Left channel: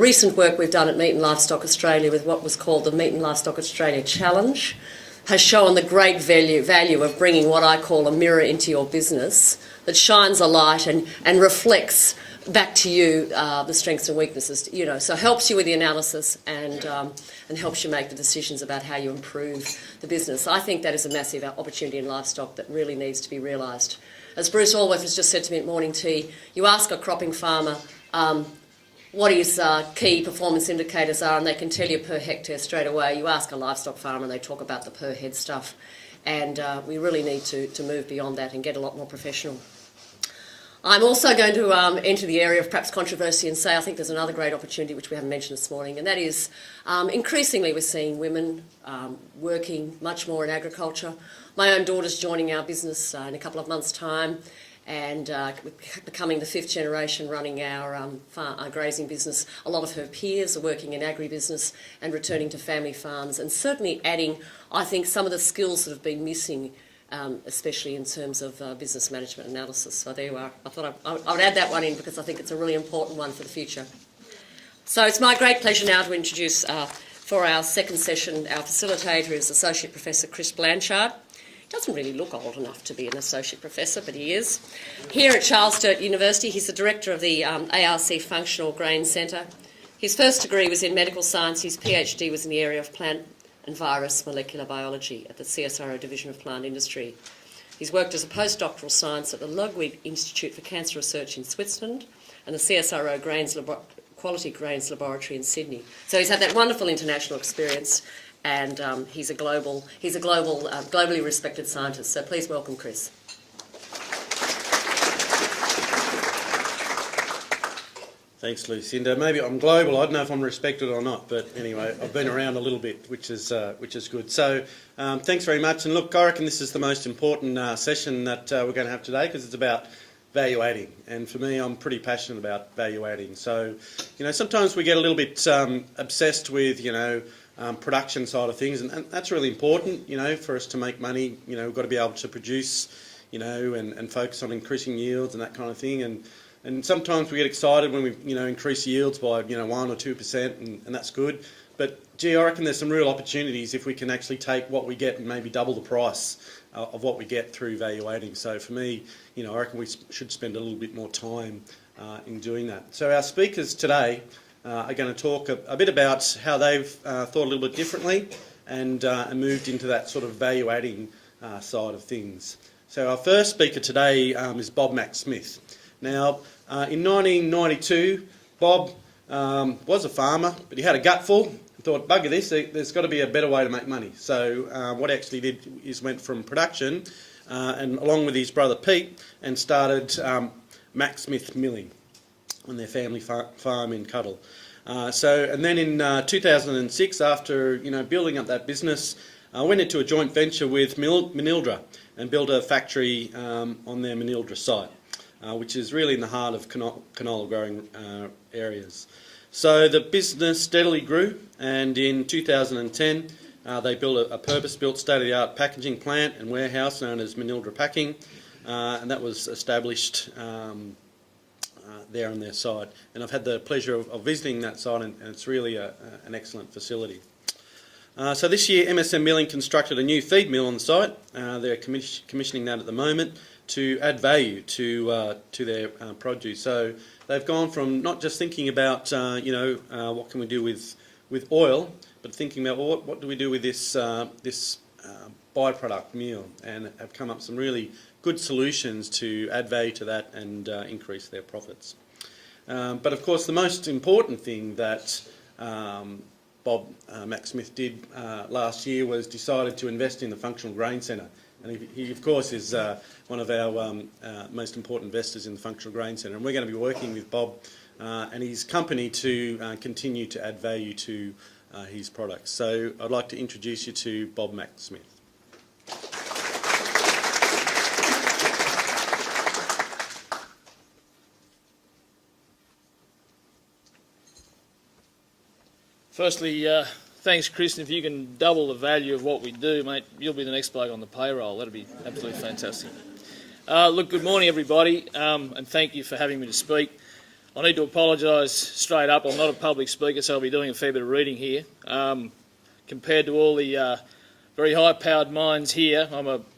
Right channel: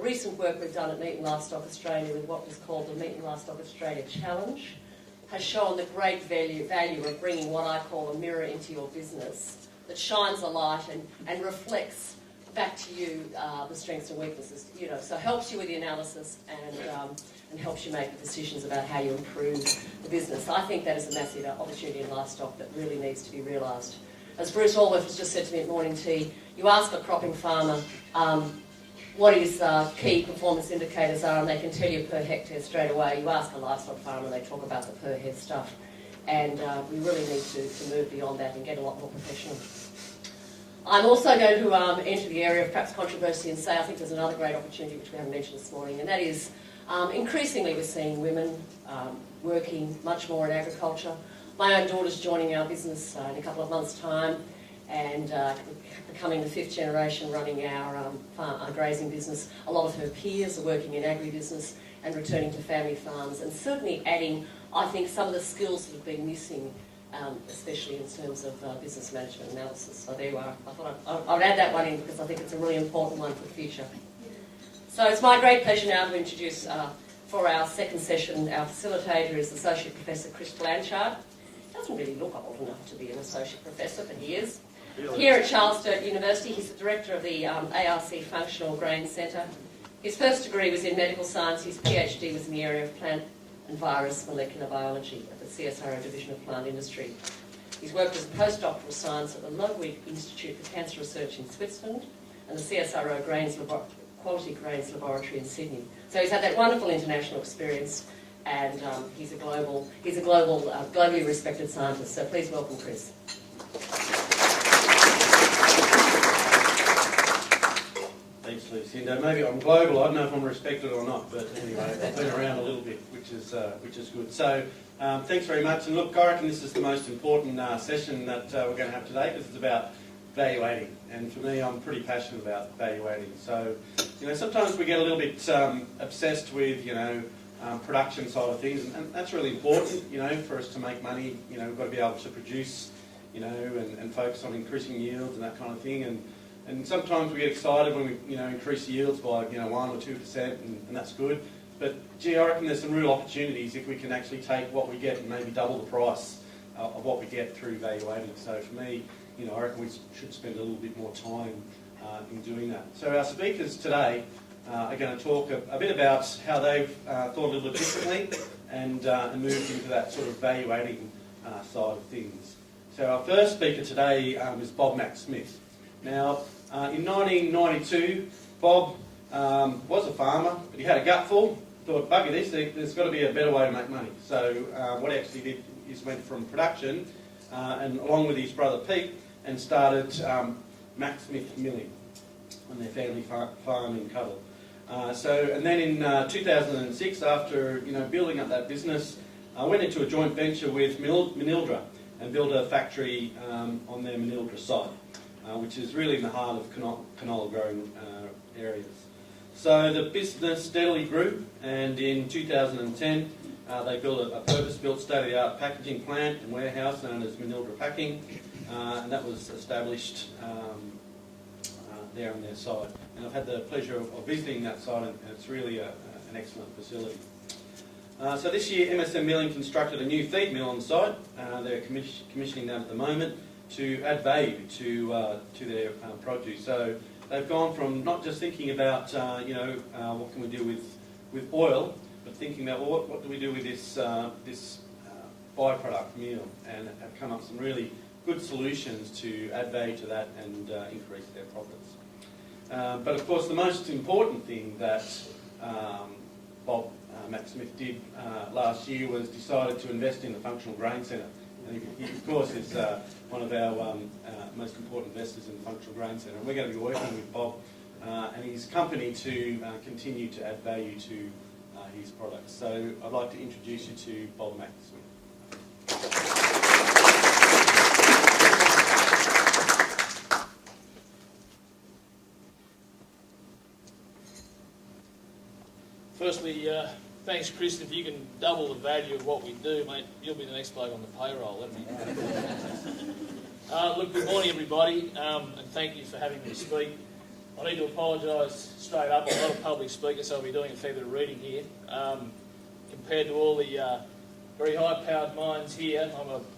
Recent work we've done at Meat and Livestock Australia with what was called the Meat and Livestock Australia Challenge has shown the great value of bringing what I call a mirror into your business that shines a light and reflects back to you the strengths and weaknesses, so helps you with the analysis and helps you make the decisions about how you improve the business. I think that is a massive opportunity in livestock that really needs to be realised. As Bruce Allworth has just said to me at morning tea, you ask a cropping farmer what his key performance indicators are and they can tell you per hectare straight away. You ask a livestock farmer and they talk about the per head stuff, and we really need to move beyond that and get a lot more professional. I'm also going to enter the area of perhaps controversy and say I think there's another great opportunity which we haven't mentioned this morning, and that is increasingly we're seeing women working much more in agriculture. My own daughter's joining our business in a couple of months' time and becoming the 5th generation running our grazing business. A lot of her peers are working in agribusiness and returning to family farms, and certainly adding, I think, some of the skills that have been missing, especially in terms of business management analysis. So there you are. I thought I would add that one in because I think it's a really important one for the future. So it's my great pleasure now to introduce, for our second session, our facilitator is Associate Professor Chris Blanchard. He doesn't really look old enough to be an associate professor, but he is. Here at Charles Sturt University, he's the director of the ARC Functional Grain Centre. His first degree was in medical science. His PhD was in the area of plant and virus molecular biology at the CSIRO Division of Plant Industry. He's worked as a postdoctoral science at the Ludwig Institute for Cancer Research in Switzerland and the CSIRO Quality Grains Laboratory in Sydney. So he's had that wonderful international experience, and he's a globally respected scientist. So please welcome Chris. Thanks, Lucinda. Maybe I'm global. I don't know if I'm respected or not, but anyway, I've been around a little bit, which is good. So, thanks very much. And look, I reckon this is the most important session that we're going to have today because it's about value adding. And for me, I'm pretty passionate about value adding. So, sometimes we get a little bit obsessed with, production side of things, and that's really important. For us to make money, we've got to be able to produce, and focus on increasing yields and that kind of thing. And sometimes we get excited when we, increase yields by, 1 or 2%, and that's good. But, gee, I reckon there's some real opportunities if we can actually take what we get and maybe double the price of what we get through value adding. So for me, I reckon we should spend a little bit more time in doing that. So our speakers today are going to talk a bit about how they've thought a little bit differently and moved into that sort of value adding side of things. So our first speaker today is Bob MacSmith. Now, in 1992, Bob was a farmer, but he had a gutful. He thought, bugger this, there's got to be a better way to make money. So what he actually did is went from production, and along with his brother Pete, and started MacSmith Milling on their family farm in Cuddle. And then in 2006, after building up that business, I went into a joint venture with Manildra and built a factory on their Manildra site. Which is really in the heart of canola growing areas. So the business steadily grew, and in 2010 they built a purpose-built state-of-the-art packaging plant and warehouse known as Manildra Packing, and that was established there on their site. And I've had the pleasure of visiting that site, and it's really an excellent facility. So this year MSM Milling constructed a new feed mill on site. They're commissioning that at the moment to add value to their produce. So they've gone from not just thinking about what can we do with oil, but thinking about what do we do with this byproduct meal, and have come up with some really good solutions to add value to that and increase their profits. But of course, the most important thing that Bob MacSmith did last year was decided to invest in the Functional Grain Centre. And he of course is one of our most important investors in the Functional Grain Centre, and we're going to be working with Bob and his company to continue to add value to his products. So I'd like to introduce you to Bob MacSmith. Firstly, thanks, Chris. If you can double the value of what we do, mate, you'll be the next bloke on the payroll. That'd be absolutely fantastic. Look, good morning, everybody, and thank you for having me to speak. I need to apologise straight up. I'm not a public speaker, so I'll be doing a fair bit of reading here. Compared to all the very high-powered minds here,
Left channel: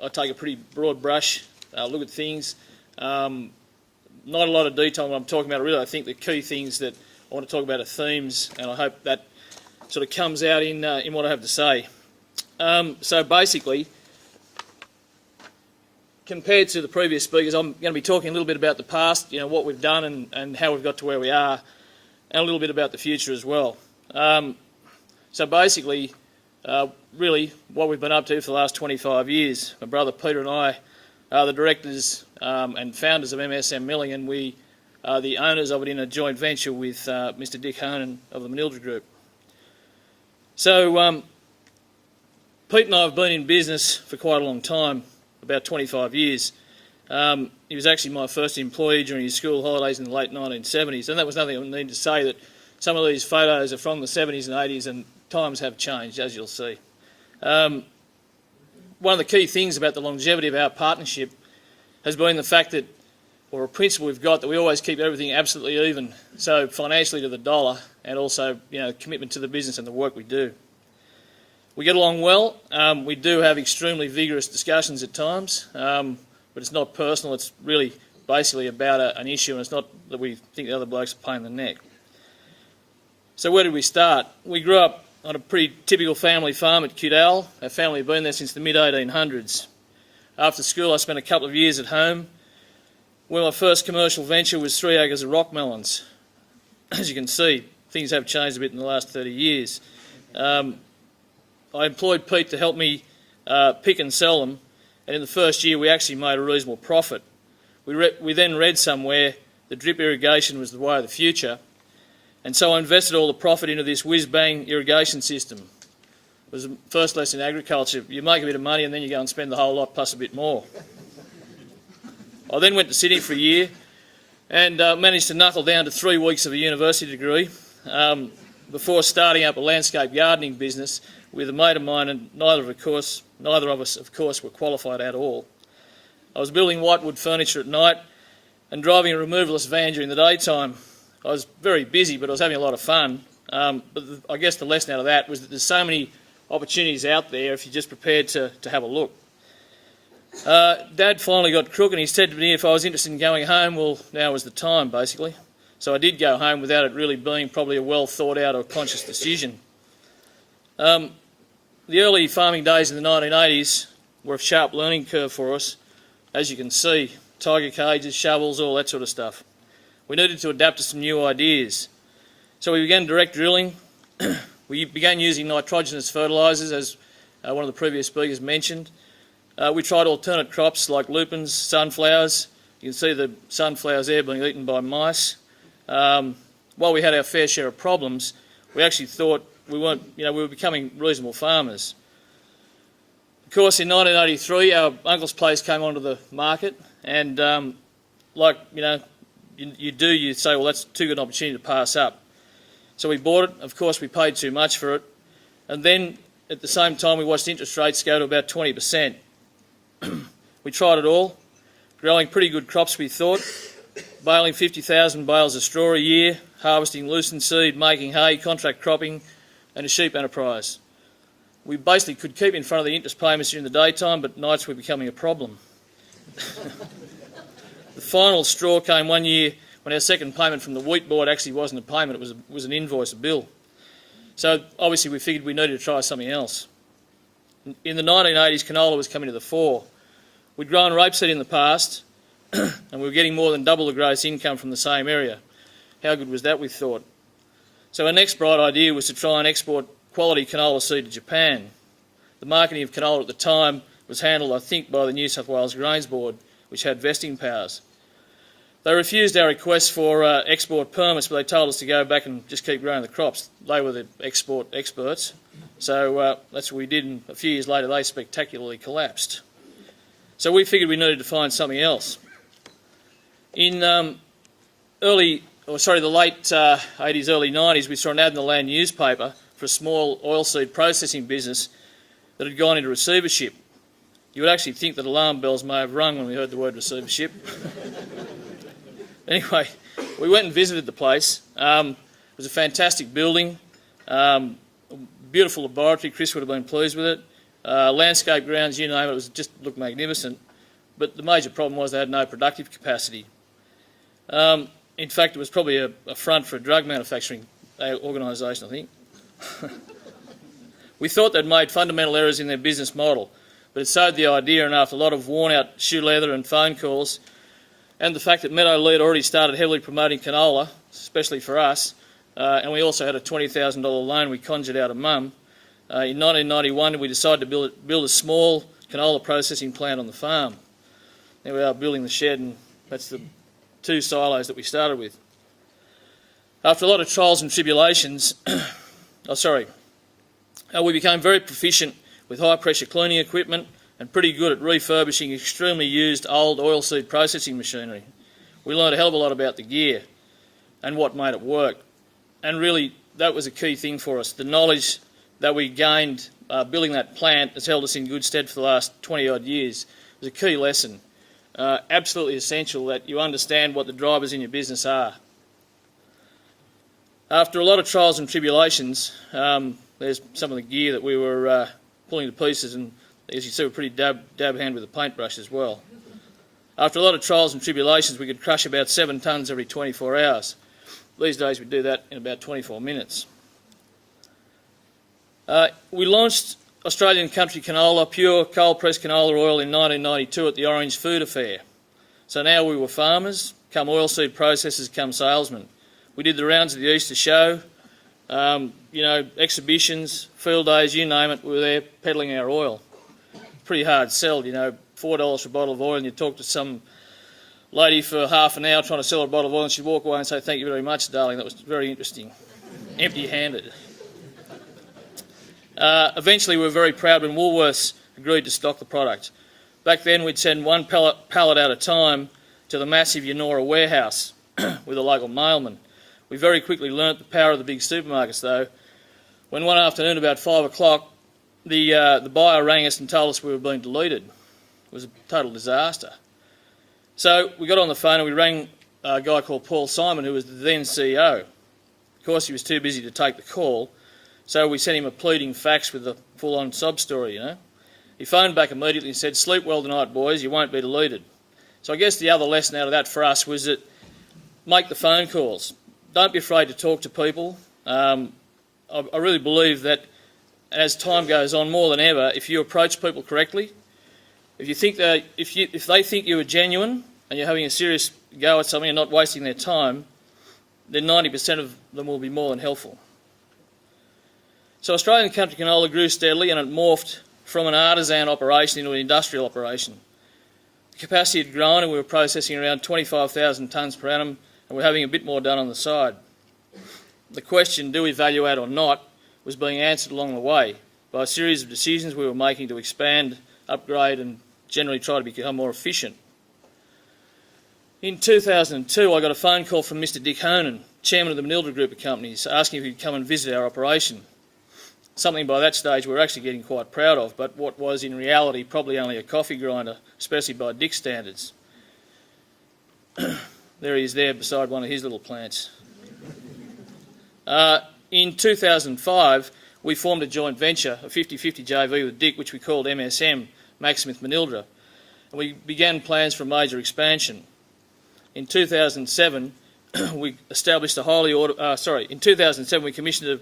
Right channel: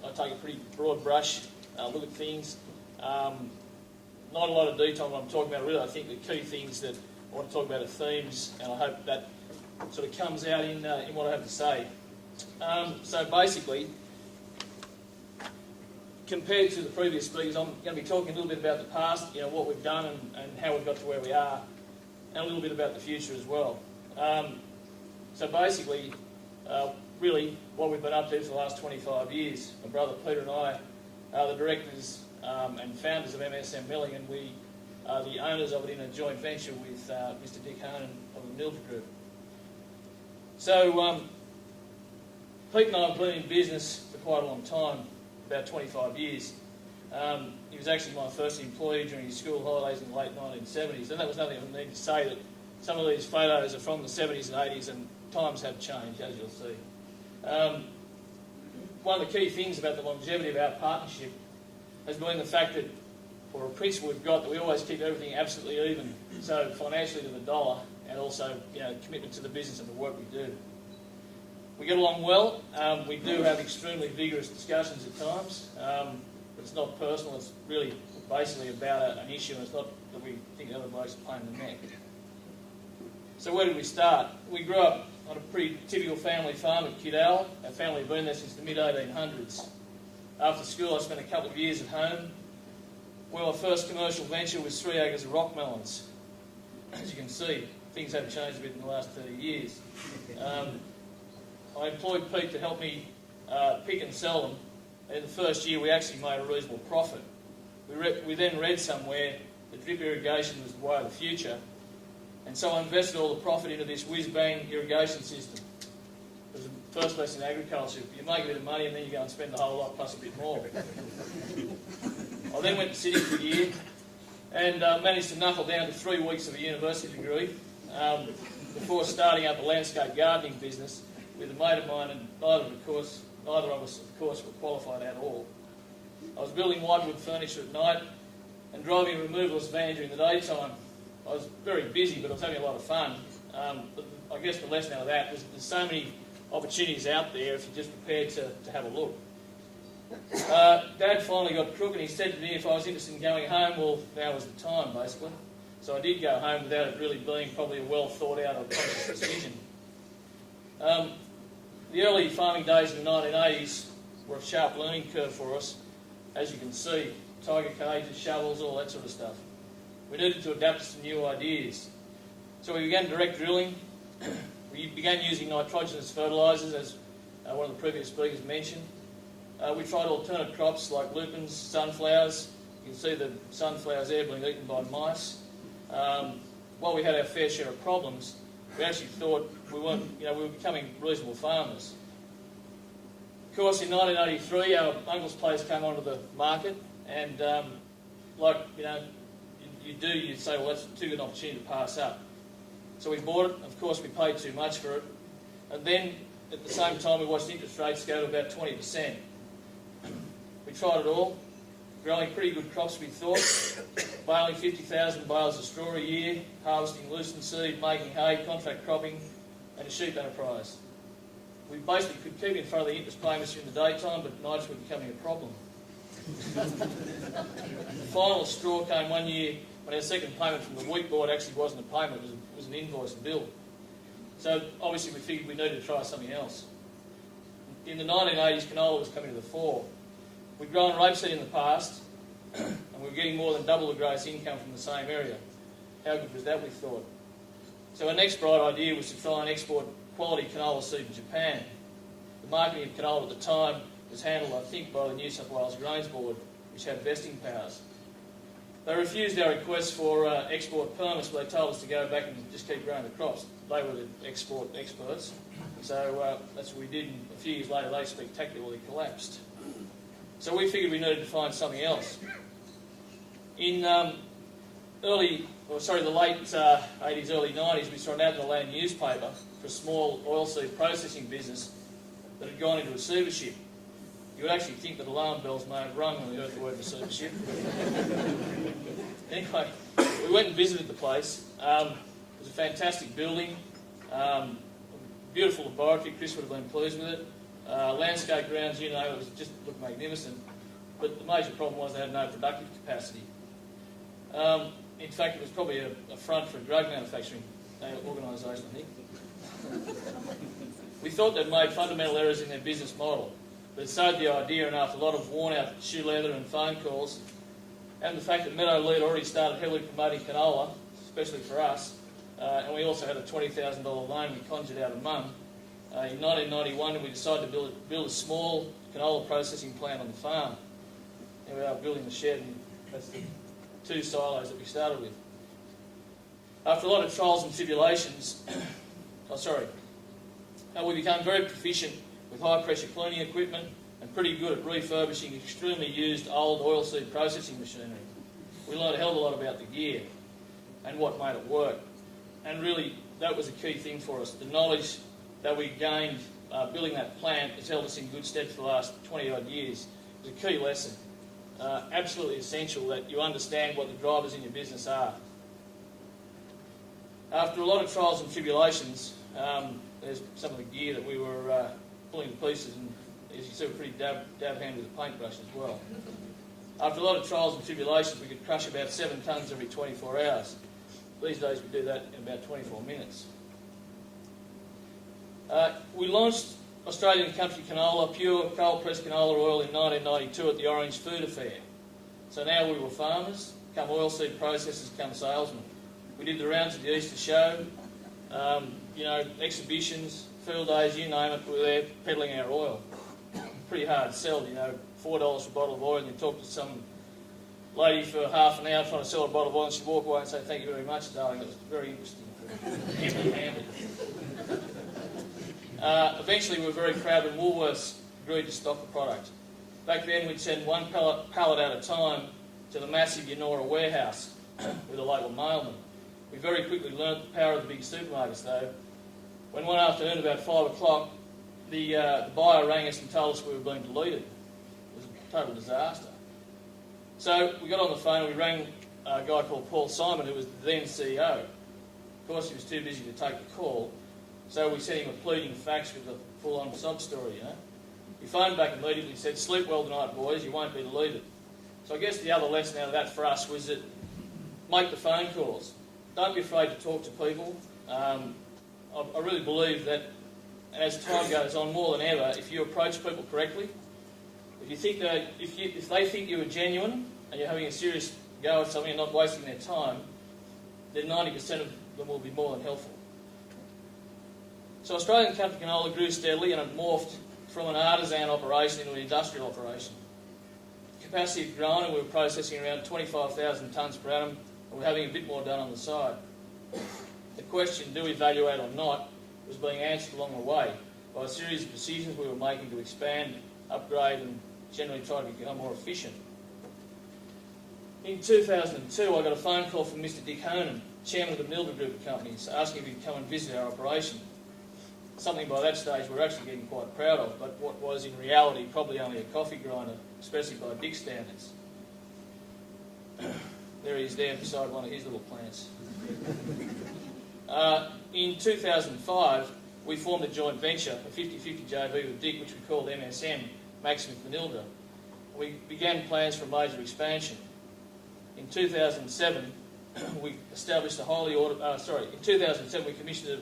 I take a pretty broad brush look at things. Not a lot of detail when I'm talking about it, really. I think the key things that I want to talk about are themes, and I hope that sort of comes out in what I have to say. So basically, compared to the previous speakers, I'm going to be talking a little bit about the past, what we've done and how we've got to where we are, and a little bit about the future as well. So basically, really what we've been up to for the last 25 years. My brother Peter and I are the directors and founders of MSM Milling, and we are the owners of it in a joint venture with Mr Dick Honan of the Manildra Group. So Pete and I have been in business for quite a long time, about 25 years. He was actually my first employee during his school holidays in the late 1970s, and that was nothing I need to say that some of these photos are from the 70s and 80s, and times have changed, as you'll see. One of the key things about the longevity of our partnership has been the fact that, or a principle we've got, that we always keep everything absolutely even, so financially to the dollar, and also commitment to the business and the work we do. We get along well. We do have extremely vigorous discussions at times, but it's not personal. It's really basically about an issue, and it's not that we think the other bloke's a pain in the neck. So where did we start? We grew up on a pretty typical family farm at Cudal. Our family had been there since the mid-1800s. After school, I spent a couple of years at home, where my first commercial venture was 3 acres of rock melons. As you can see, things have changed a bit in the last 30 years. I employed Pete to help me pick and sell them, and in the first year we actually made a reasonable profit. We then read somewhere that drip irrigation was the way of the future, and so I invested all the profit into this whiz-bang irrigation system. It was the first lesson in agriculture. You make a bit of money and then you go and spend the whole lot plus a bit more. I then went to Sydney for a year and managed to knuckle down to 3 weeks of a university degree before starting up a landscape gardening business with a mate of mine, and neither of us, of course, were qualified at all. I was building whitewood furniture at night and driving a removalist van during the daytime. I was very busy, but I was having a lot of fun. But I guess the lesson out of that was that there's so many opportunities out there if you're just prepared to have a look. Dad finally got crook, and he said to me if I was interested in going home, well, now was the time, basically. So I did go home without it really being probably a well thought out or conscious decision. The early farming days in the 1980s were a sharp learning curve for us. As you can see, tiger cages, shovels, all that sort of stuff. We needed to adapt to some new ideas. So we began direct drilling. We began using nitrogenous fertilisers, as one of the previous speakers mentioned. We tried alternate crops like lupins, sunflowers. You can see the sunflowers there being eaten by mice. While we had our fair share of problems, we actually thought we were becoming reasonable farmers. Of course, in 1983, our uncle's place came onto the market, and you say, well, that's too good an opportunity to pass up. So we bought it. Of course, we paid too much for it. And then, at the same time, we watched interest rates go to about 20%. We tried it all, growing pretty good crops, we thought, baling 50,000 bales of straw a year, harvesting lucerne seed, making hay, contract cropping, and a sheep enterprise. We basically could keep in front of the interest payments during the daytime, but nights were becoming a problem. The final straw came one year when our second payment from the wheat board actually wasn't a payment, it was an invoice, a bill. So obviously we figured we needed to try something else. In the 1980s, canola was coming to the fore. We'd grown rapeseed in the past, and we were getting more than double the gross income from the same area. How good was that, we thought? So our next bright idea was to try and export quality canola seed to Japan. The marketing of canola at the time was handled, I think, by the New South Wales Grains Board, which had vesting powers. They refused our requests for export permits, but they told us to go back and just keep growing the crops. They were the export experts. So that's what we did, and a few years later they spectacularly collapsed. So we figured we needed to find something else. In the late 80s, early 90s, we saw an ad in the Land newspaper for a small oilseed processing business that had gone into receivership. You would actually think that alarm bells may have rung when we heard the word receivership. Anyway, We went and visited the place. It was a fantastic building, beautiful laboratory. Chris would have been pleased with it. Landscape grounds, you name it, just looked magnificent. But the major problem was they had no productive capacity. In fact, it was probably a front for a drug manufacturing organisation, I think. We thought they'd made fundamental errors in their business model, but it sowed the idea, and after a lot of worn-out shoe leather and phone calls, and the fact that Meadow Lee had already started heavily promoting canola, especially for us, and we also had a $20,000 loan we conjured out of Mum, in 1991 we decided to build a small canola processing plant on the farm. There we are building the shed, and that's the 2 silos that we started with. After a lot of trials and tribulations, we became very proficient with high pressure cleaning equipment and pretty good at refurbishing extremely used old oilseed processing machinery. We learned a hell of a lot about the gear and what made it work. And really, that was a key thing for us. The knowledge that we gained building that plant has held us in good stead for the last 20 odd years. It was a key lesson. Absolutely essential that you understand what the drivers in your business are. After a lot of trials and tribulations, there's some of the gear that we were pulling to pieces, and as you see, we're pretty dab hand with a paintbrush as well. After a lot of trials and tribulations, we could crush about 7 tonnes every 24 hours. These days we do that in about 24 minutes. We launched Australian Country Canola, pure cold-pressed canola oil in 1992 at the Orange Food Affair. So now we were farmers, come oilseed processors, come salesmen. We did the rounds of the Easter show, exhibitions, field days, you name it, we were there peddling our oil. Pretty hard sell, $4 for a bottle of oil, and you talk to some lady for half an hour trying to sell a bottle of oil, and she'd walk away and say, "Thank you very much, darling." That was very interesting. Empty-handed. Eventually we were very proud when Woolworths agreed to stock the product. Back then we'd send 1 pallet at a time to the massive Yennora warehouse with a local mailman. We very quickly learnt the power of the big supermarkets though, when one afternoon about 5 o'clock the buyer rang us and told us we were being deleted. It was a total disaster. So we got on the phone and we rang a guy called Paul Simon, who was the then CEO. Of course he was too busy to take the call, so we sent him a pleading fax with a full-on sub-story, He phoned back immediately and said, "Sleep well tonight, boys, you won't be deleted." So I guess the other lesson out of that for us was that make the phone calls. Don't be afraid to talk to people. I really believe that as time goes on, more than ever, if you approach people correctly, if they think you are genuine and you're having a serious go at something and not wasting their time, then 90% of them will be more than helpful. So Australian Country Canola grew steadily, and it morphed from an artisan operation into an industrial operation. Capacity had grown and we were processing around 25,000 tonnes per annum, and we're having a bit more done on the side. The question, do we value add or not, was being answered along the way by a series of decisions we were making to expand, upgrade and generally try to become more efficient. In 2002 I got a phone call from Mr Dick Honan, chairman of the Manildra Group of Companies, asking if he'd come and visit our operation. Something by that stage we were actually getting quite proud of, but what was in reality probably only a coffee grinder, especially by Dick's standards. There he is there beside one of his little plants. In 2005 we formed a joint venture, a 50-50 JV with Dick, which we called MSM, MacSmith Milling, and we began plans for a major expansion. In 2007 we established in 2007 we commissioned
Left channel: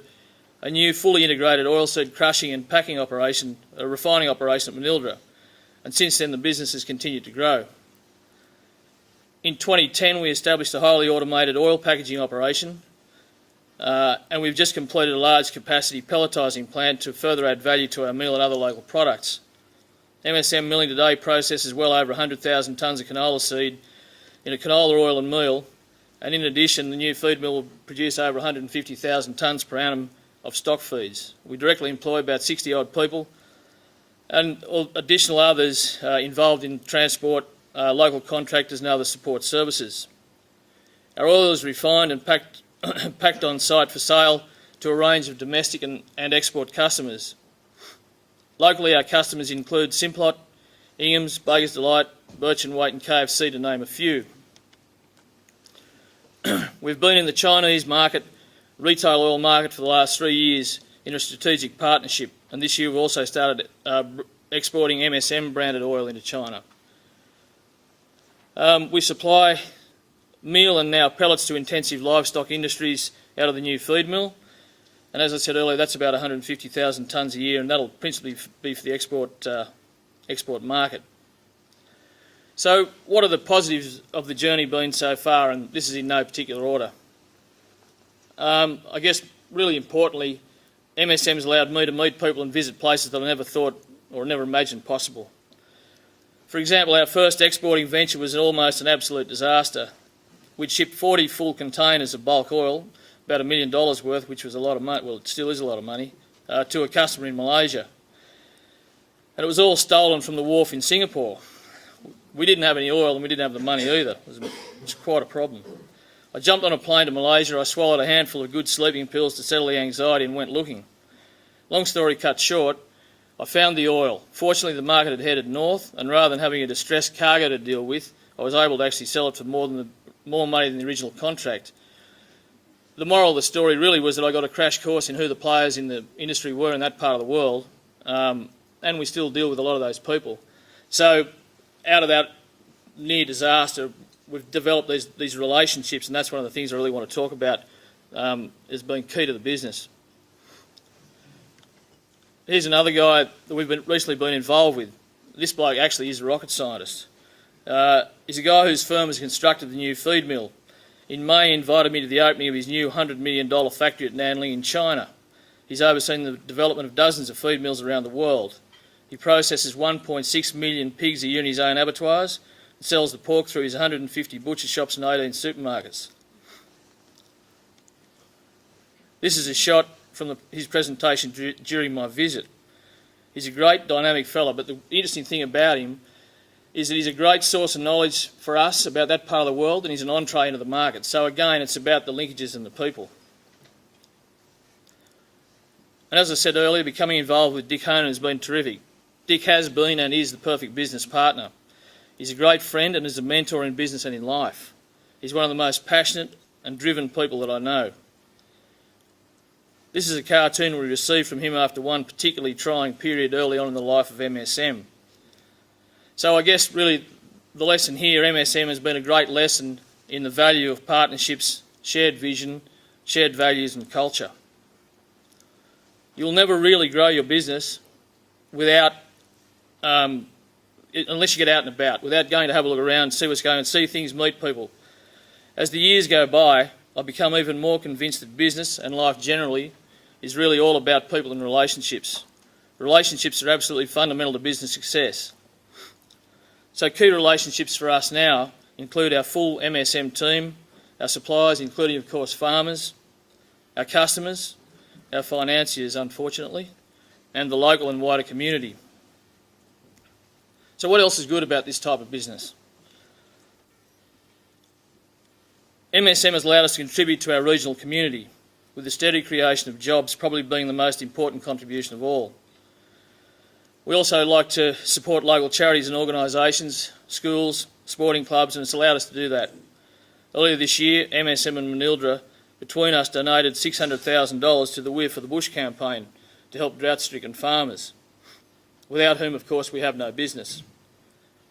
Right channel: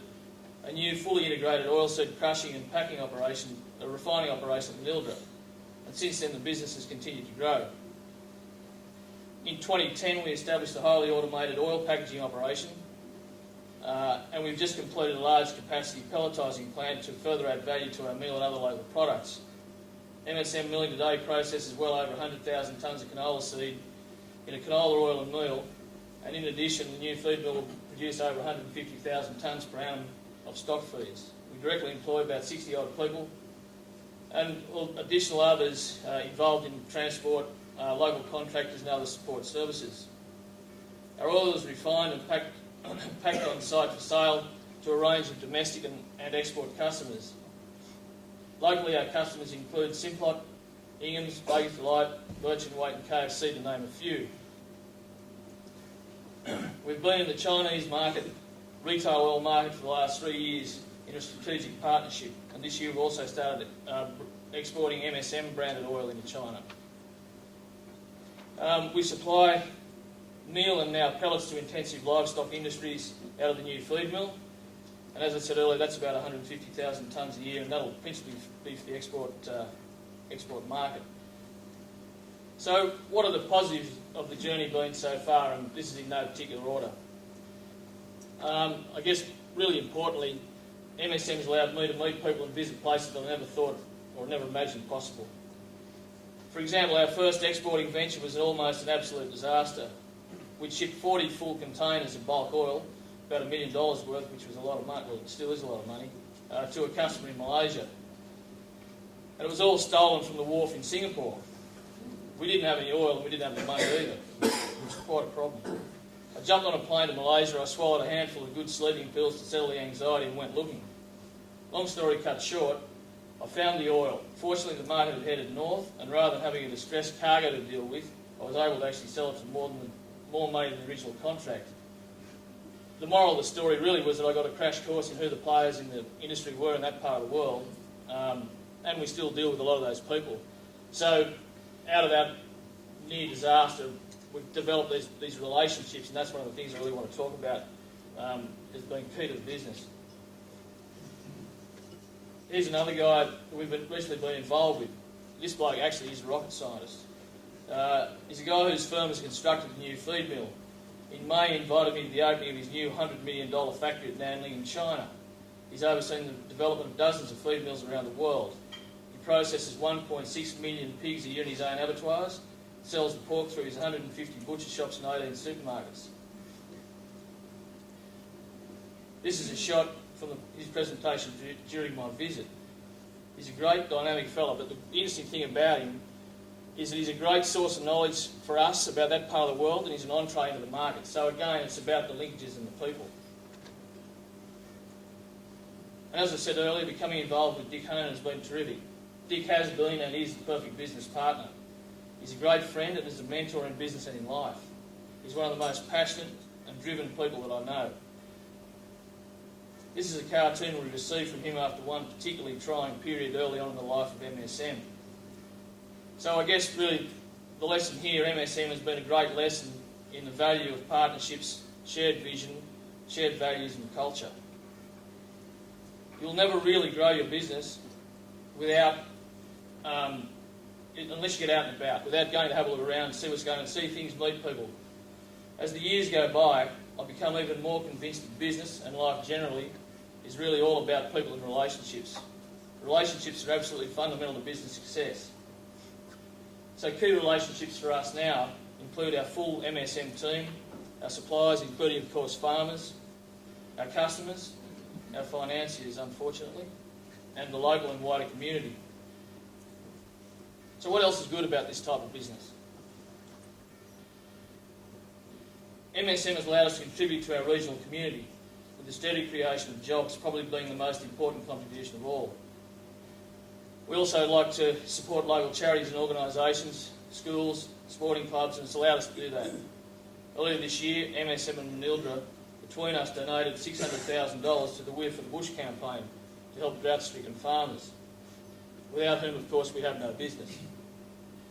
a new fully integrated oilseed crushing and packing operation, a refining operation at Manildra, and since then the business has continued to grow. In 2010 we established a highly automated oil packaging operation, and we've just completed a large capacity pelletising plant to further add value to our meal and other local products. MSM Milling today processes well over 100,000 tonnes of canola seed in a canola oil and meal, and in addition the new feed mill will produce over 150,000 tonnes per annum of stock feeds. We directly employ about 60 odd people and additional others involved in transport, local contractors and other support services. Our oil is refined and packed on site for sale to a range of domestic and export customers. Locally our customers include Simplot, Ingham's, Baker's Delight, Birch and Waite and KFC, to name a few. We've been in the Chinese market, retail oil market, for the last 3 years in a strategic partnership, and this year we've also started exporting MSM branded oil into China. We supply meal and now pellets to intensive livestock industries out of the new feed mill, and as I said earlier, that's about 150,000 tonnes a year, and that'll principally be for the export market. So what are the positives of the journey been so far? And this is in no particular order. I guess really importantly, MSM has allowed me to meet people and visit places that I never thought or never imagined possible. For example, our first exporting venture was almost an absolute disaster. We'd shipped 40 full containers of bulk oil, about $1 million worth, which was a lot of money, well, it still is a lot of money, to a customer in Malaysia. And it was all stolen from the wharf in Singapore. We didn't have any oil and we didn't have the money either. It was quite a problem. I jumped on a plane to Malaysia, I swallowed a handful of good sleeping pills to settle the anxiety and went looking. Long story cut short, I found the oil. Fortunately, the market had headed north, and rather than having a distressed cargo to deal with, I was able to actually sell it for more money than the original contract. The moral of the story really was that I got a crash course in who the players in the industry were in that part of the world, and we still deal with a lot of those people. So out of that near disaster, we've developed these relationships, and that's one of the things I really want to talk about as being key to the business. Here's another guy that we've recently been involved with. This bloke actually is a rocket scientist. He's a guy whose firm has constructed the new feed mill. In May, he invited me to the opening of his new $100 million factory at Nanling in China. He's overseen the development of dozens of feed mills around the world. He processes 1.6 million pigs a year in his own abattoirs and sells the pork through his 150 butcher shops and 18 supermarkets. This is a shot from his presentation during my visit. He's a great dynamic fellow, but the interesting thing about him is that he's a great source of knowledge for us about that part of the world, and he's an entree into the market. So again, it's about the linkages and the people. And as I said earlier, becoming involved with Dick Honan has been terrific. Dick has been and is the perfect business partner. He's a great friend and is a mentor in business and in life. He's one of the most passionate and driven people that I know. This is a cartoon we received from him after one particularly trying period early on in the life of MSM. So I guess really the lesson here, MSM has been a great lesson in the value of partnerships, shared vision, shared values and culture. You'll never really grow your business without, unless you get out and about, without going to have a look around, see what's going on, see things, meet people. As the years go by, I've become even more convinced that business and life generally is really all about people and relationships. Relationships are absolutely fundamental to business success. So key relationships for us now include our full MSM team, our suppliers, including of course farmers, our customers, our financiers unfortunately, and the local and wider community. So what else is good about this type of business? MSM has allowed us to contribute to our regional community, with the steady creation of jobs probably being the most important contribution of all. We also like to support local charities and organisations, schools, sporting clubs, and it's allowed us to do that. Earlier this year, MSM and Manildra, between us, donated $600,000 to the We're for the Bush campaign to help drought-stricken farmers, without whom, of course, we have no business.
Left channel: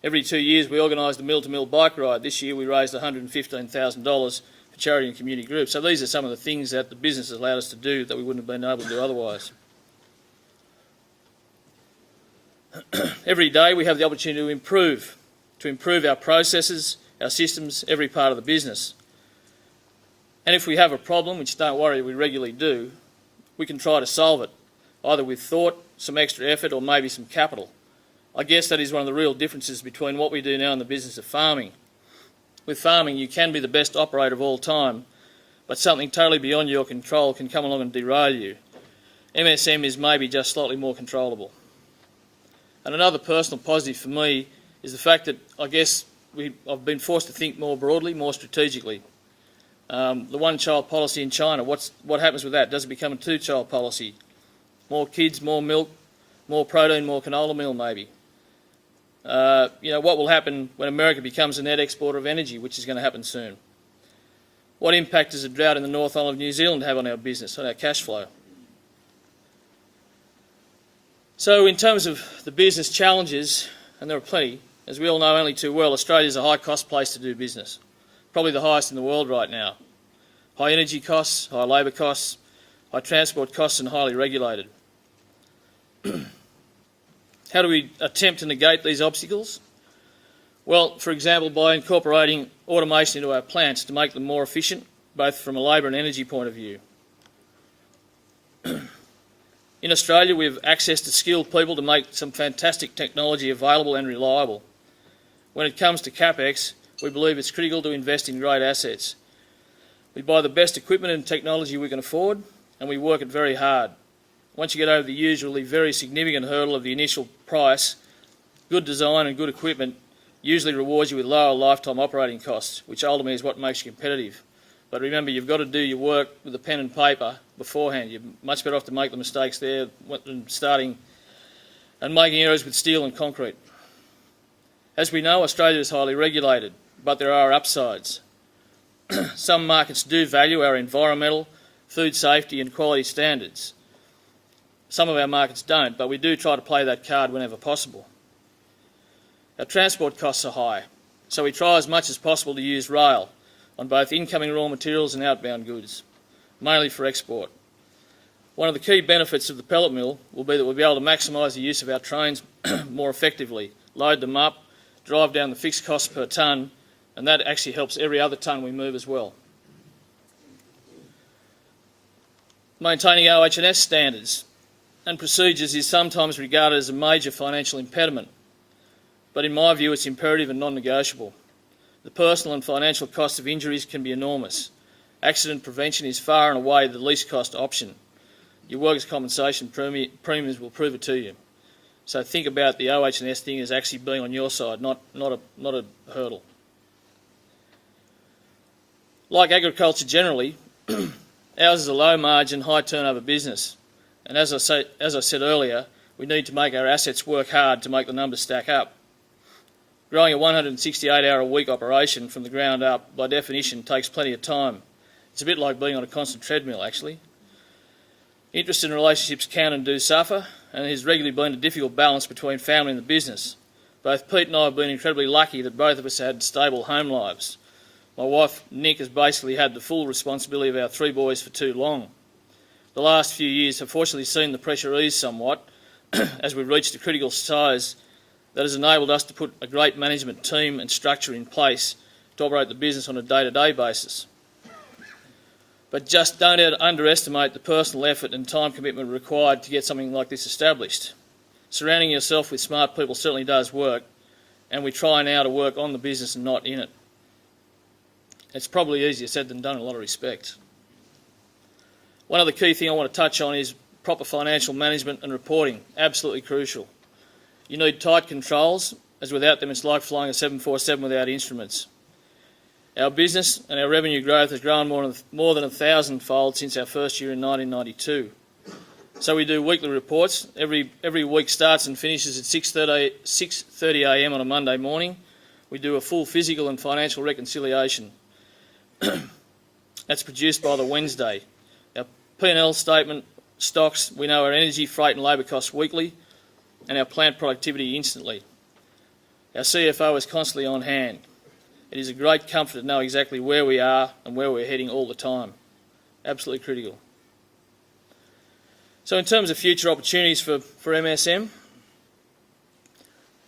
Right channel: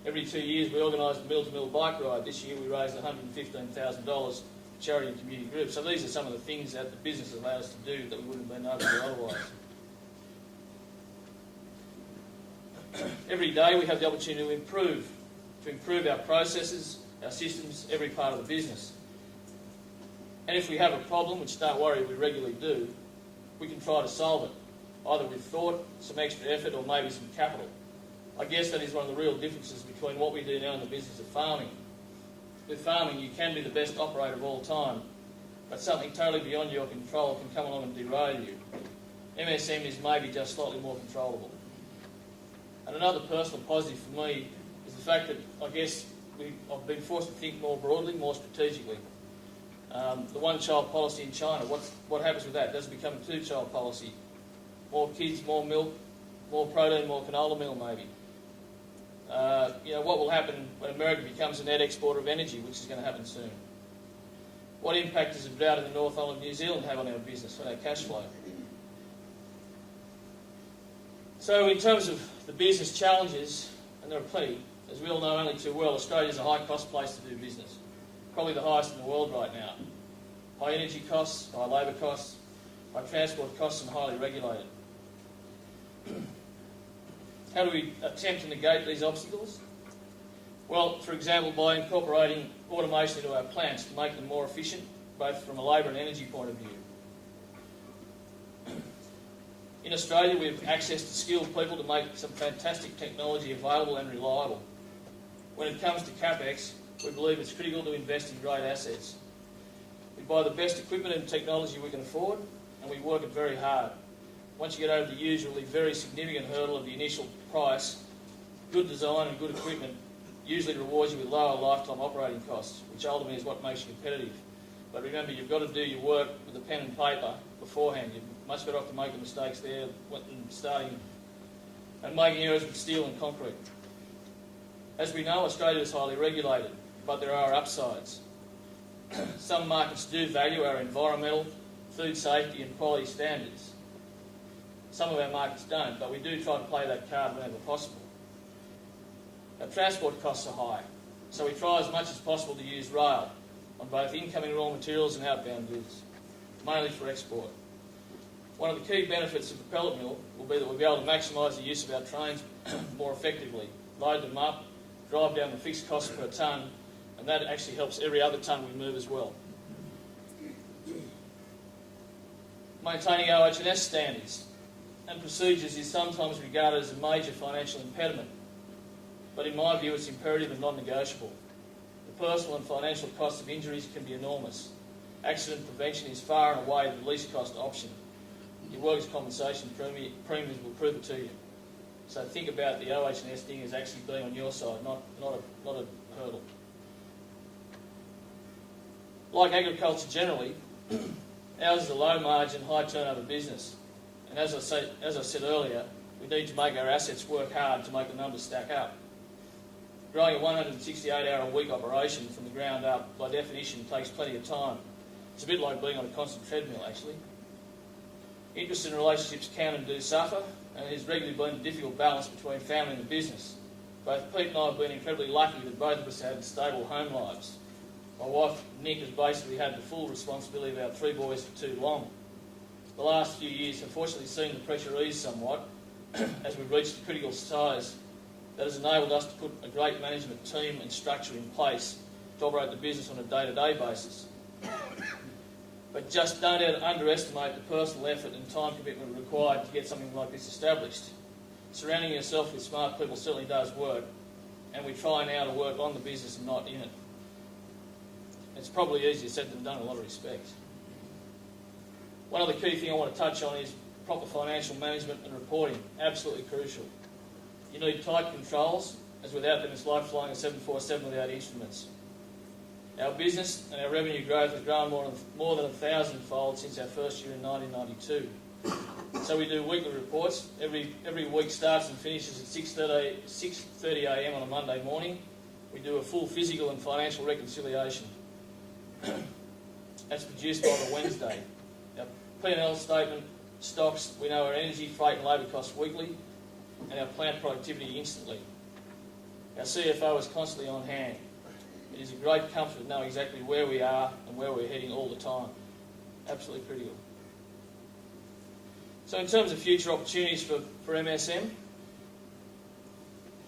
Every 2 years we organise the mill-to-mill bike ride. This year we raised $115,000 for charity and community groups. So these are some of the things that the business has allowed us to do that we wouldn't have been able to do otherwise. Every day we have the opportunity to improve our processes, our systems, every part of the business. And if we have a problem, which don't worry, we regularly do, we can try to solve it, either with thought, some extra effort, or maybe some capital. I guess that is one of the real differences between what we do now in the business of farming. With farming, you can be the best operator of all time, but something totally beyond your control can come along and derail you. MSM is maybe just slightly more controllable. And another personal positive for me is the fact that I guess I've been forced to think more broadly, more strategically. The one-child policy in China, what happens with that? Does it become a two-child policy? More kids, more milk, more protein, more canola meal maybe. What will happen when America becomes a net exporter of energy, which is going to happen soon? What impact does a drought in the North Island of New Zealand have on our business, on our cash flow? So in terms of the business challenges, and there are plenty, as we all know only too well, Australia is a high-cost place to do business, probably the highest in the world right now. High energy costs, high labour costs, high transport costs, and highly regulated. How do we attempt to negate these obstacles? Well, for example, by incorporating automation into our plants to make them more efficient, both from a labour and energy point of view. In Australia, we have access to skilled people to make some fantastic technology available and reliable. When it comes to CapEx, we believe it's critical to invest in great assets. We buy the best equipment and technology we can afford, and we work it very hard. Once you get over the usually very significant hurdle of the initial price, good design and good equipment usually rewards you with lower lifetime operating costs, which ultimately is what makes you competitive. But remember, you've got to do your work with a pen and paper beforehand. You're much better off to make the mistakes there than starting and making errors with steel and concrete. As we know, Australia is highly regulated, but there are upsides. Some markets do value our environmental, food safety and quality standards. Some of our markets don't, but we do try to play that card whenever possible. Our transport costs are high, so we try as much as possible to use rail on both incoming raw materials and outbound goods, mainly for export. One of the key benefits of the pellet mill will be that we'll be able to maximise the use of our trains more effectively, load them up, drive down the fixed cost per tonne, and that actually helps every other tonne we move as well. Maintaining OH&S standards and procedures is sometimes regarded as a major financial impediment, but in my view it's imperative and non-negotiable. The personal and financial cost of injuries can be enormous. Accident prevention is far and away the least cost option. Your workers' compensation premiums will prove it to you. So think about the OH&S thing as actually being on your side, not a hurdle. Like agriculture generally, ours is a low margin, high turnover business. And as I said earlier, we need to make our assets work hard to make the numbers stack up. Growing a 168-hour-a-week operation from the ground up, by definition, takes plenty of time. It's a bit like being on a constant treadmill, actually. Interest and relationships can and do suffer, and it has regularly been a difficult balance between family and the business. Both Pete and I have been incredibly lucky that both of us had stable home lives. My wife, Nick, has basically had the full responsibility of our three boys for too long. The last few years have fortunately seen the pressure ease somewhat as we've reached a critical size that has enabled us to put a great management team and structure in place to operate the business on a day-to-day basis. But just don't underestimate the personal effort and time commitment required to get something like this established. Surrounding yourself with smart people certainly does work, and we try now to work on the business and not in it. It's probably easier said than done in a lot of respects. One other key thing I want to touch on is proper financial management and reporting, absolutely crucial. You need tight controls, as without them it's like flying a 747 without instruments. Our business and our revenue growth has grown more than 1,000-fold since our first year in 1992. So we do weekly reports. Every week starts and finishes at 6:30 a.m. on a Monday morning. We do a full physical and financial reconciliation. That's produced by the Wednesday. Our P&L statement, stocks, we know our energy, freight and labour costs weekly, and our plant productivity instantly. Our CFO is constantly on hand. It is a great comfort to know exactly where we are and where we're heading all the time. Absolutely critical. So in terms of future opportunities for MSM,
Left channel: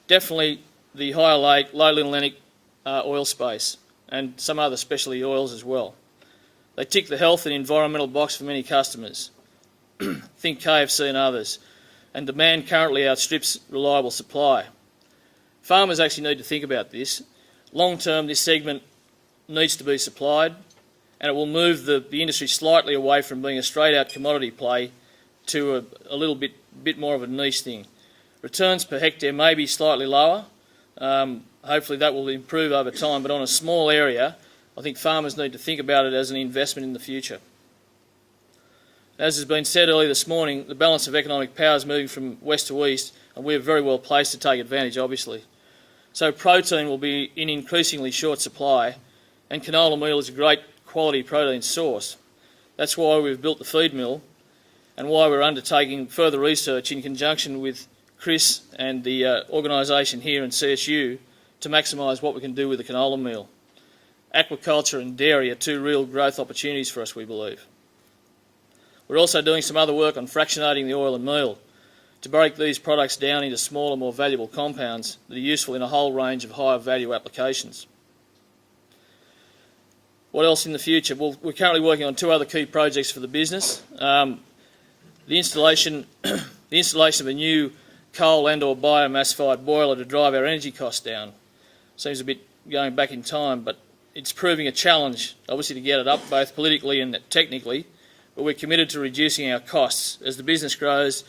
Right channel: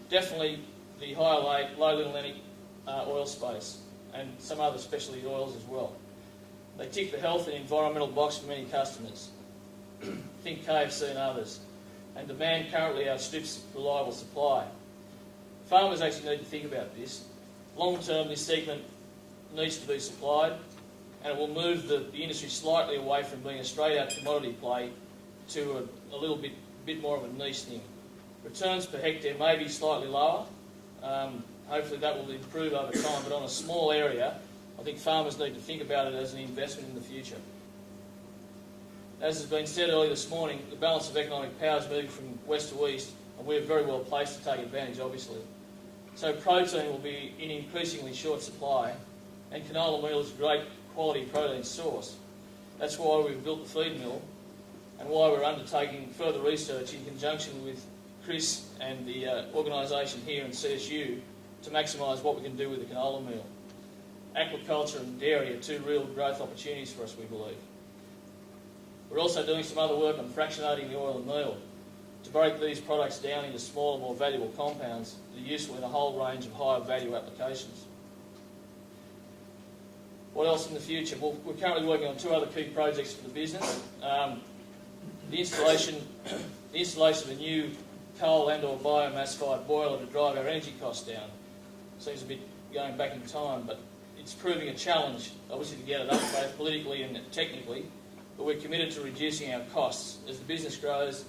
definitely the higher lake, low Linolenic oil space and some other specialty oils as well. They tick the health and environmental box for many customers. Think KFC and others. And demand currently outstrips reliable supply. Farmers actually need to think about this. Long term, this segment needs to be supplied, and it will move the industry slightly away from being a straight out commodity play to a little bit more of a niche thing. Returns per hectare may be slightly lower. Hopefully that will improve over time, but on a small area, I think farmers need to think about it as an investment in the future. As has been said earlier this morning, the balance of economic power is moving from west to east, and we're very well placed to take advantage, obviously. So protein will be in increasingly short supply, and canola meal is a great quality protein source. That's why we've built the feed mill and why we're undertaking further research in conjunction with Chris and the organisation here in CSU to maximise what we can do with the canola meal. Aquaculture and dairy are two real growth opportunities for us, we believe. We're also doing some other work on fractionating the oil and meal to break these products down into smaller, more valuable compounds that are useful in a whole range of higher value applications. What else in the future? Well, we're currently working on two other key projects for the business. The installation of a new coal and or biomass-fired boiler to drive our energy costs down. Seems a bit going back in time, but it's proving a challenge, obviously, to get it up both politically and technically, but we're committed to reducing our costs as the business grows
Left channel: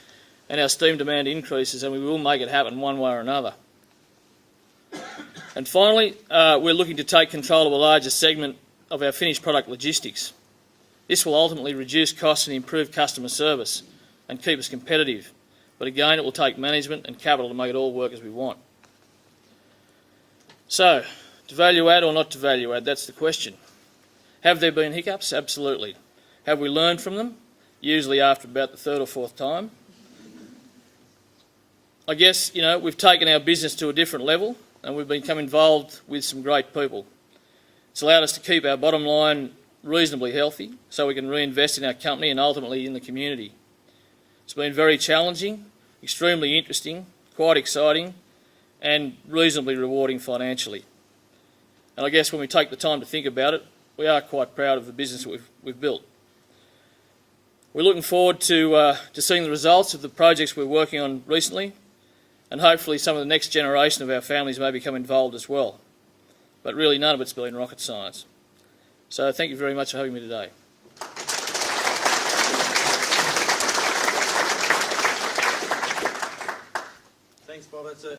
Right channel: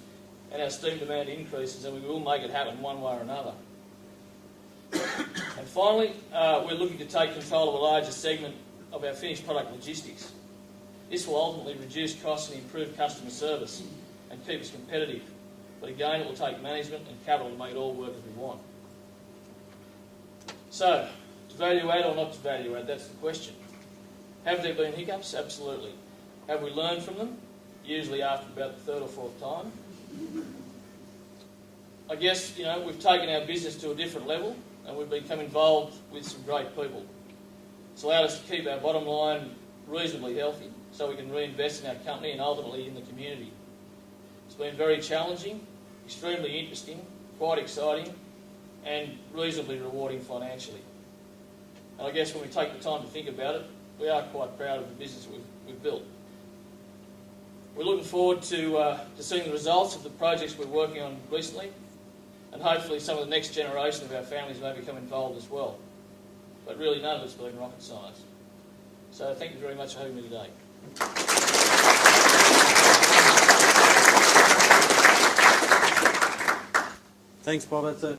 and our steam demand increases, and we will make it happen one way or another. And finally, we're looking to take control of a larger segment of our finished product logistics. This will ultimately reduce costs and improve customer service and keep us competitive. But again, it will take management and capital to make it all work as we want. So, to value add or not to value add, that's the question. Have there been hiccups? Absolutely. Have we learned from them? Usually after about the third or fourth time. I guess, we've taken our business to a different level and we've become involved with some great people. It's allowed us to keep our bottom line reasonably healthy so we can reinvest in our company and ultimately in the community. It's been very challenging, extremely interesting, quite exciting and reasonably rewarding financially. And I guess when we take the time to think about it, we are quite proud of the business that we've built. We're looking forward to seeing the results of the projects we're working on recently, and hopefully some of the next generation of our families may become involved as well. But really none of it's been rocket science. So thank you very much for having me today. Thanks, Bob. That's it.